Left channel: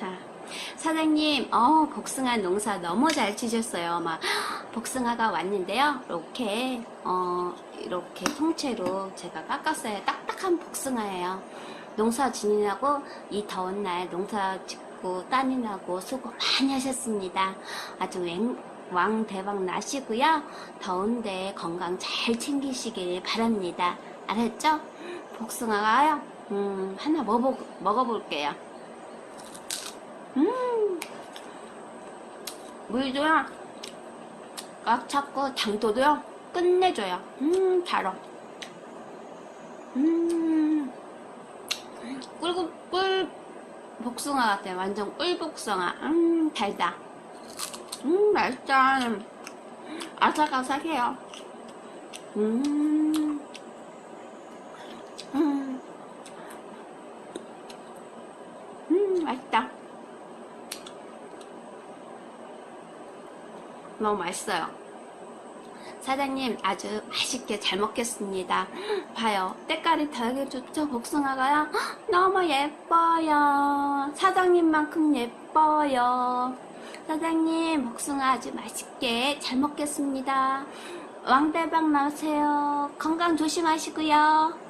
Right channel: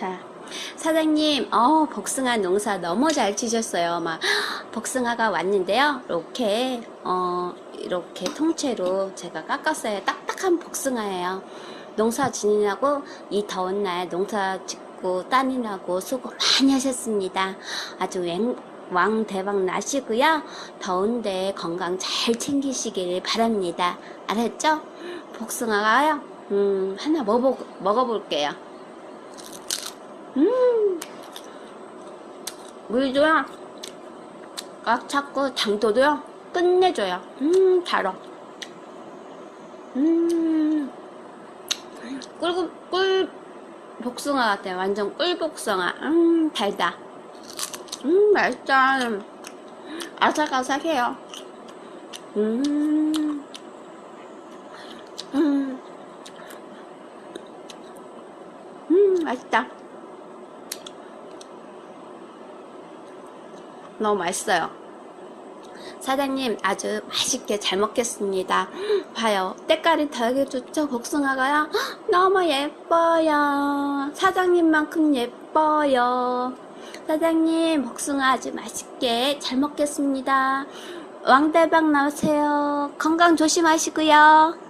자, 사장님, 어, 복숭아 농사 너무 잘 치셨어요. 막, 복숭아가 왔는데요. 이렇게, 어, 이렇게 통째로 제가 깎았어요. 딱딱한 복숭아예요. 농사 지느라고 이 더운 날 농사 짓고 따느라고 수고 많이 하셨습니다. 아주 왕, 왕 대박 나시고요. 더운데 건강 잘 챙기시길 바랍니다. 알았죠? 복숭아가요. 음, 하나 먹어, 먹어볼게요. 음, 물도요. 꽉 찼고 당도도요. 끝내줘요. 음, 달아. 음, 꿀, 꿀 복숭아 같아. 완전 꿀 복숭아. 음, 달다. 음, 맛있다. 아삭아삭해요. 음, 음, 음, 맛있다. 너무 맛있어요. 사장님 아주 맛있게 잘 먹겠습니다. 봐요. 때깔이 되게 좋죠? 복숭아가요? 너무 예뻐요. 사장님만큼 예뻐요. 사장님 복숭아 아주 맛있게 잘 먹겠습니다. 왕대박 나오세요. 건강 조심하시고요.